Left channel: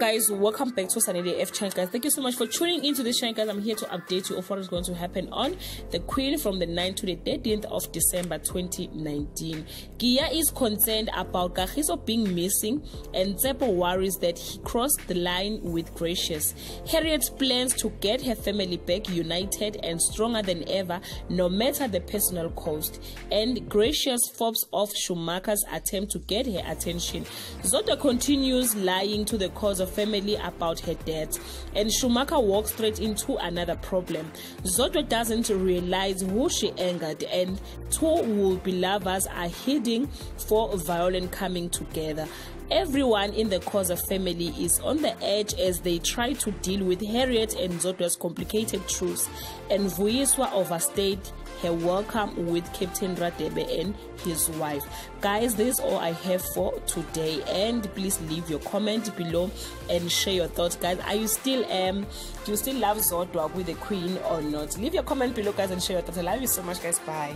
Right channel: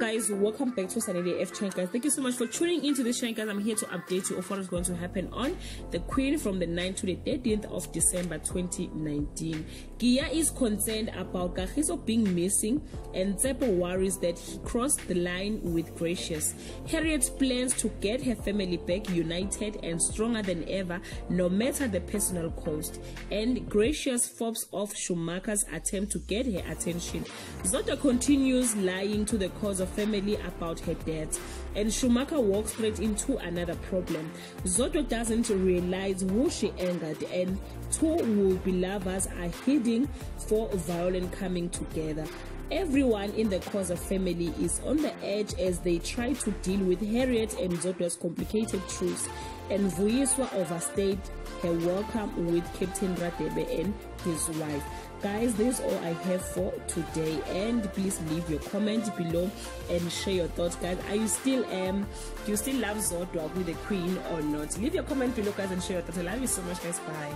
guys, welcome back to Sanele F channel, guys. Thank you so much for tuning into this channel, guys. I'm here to update you of what is going to happen on the Queen from the 9th to the 13th of December 2019. Gia is concerned about Kagiso being missing, and Tsepo worries that he crossed the line with Gracious. Harriet plans to get her family back united and stronger than ever, no matter the personal cost. And Gracious fobs off Schumacher's attempt to get her attention. Zodwa continues lying to the cause of family about her death, and Schumacher walks straight into another problem. Zodwa doesn't realize who she angered, and two will-be lovers are heading for violent coming together. Everyone in the cause of family is on the edge as they try to deal with Harriet and Zodwa's complicated truths, and Vuyiswa overstayed her welcome with Captain Radebe and his wife. Guys, this is all I have for today, and please leave your comment below and share your thoughts, guys. Are you still do you still love Zodwa with the Queen or not? Leave your comment below, guys, and share your thoughts. I love you so much, guys. Bye.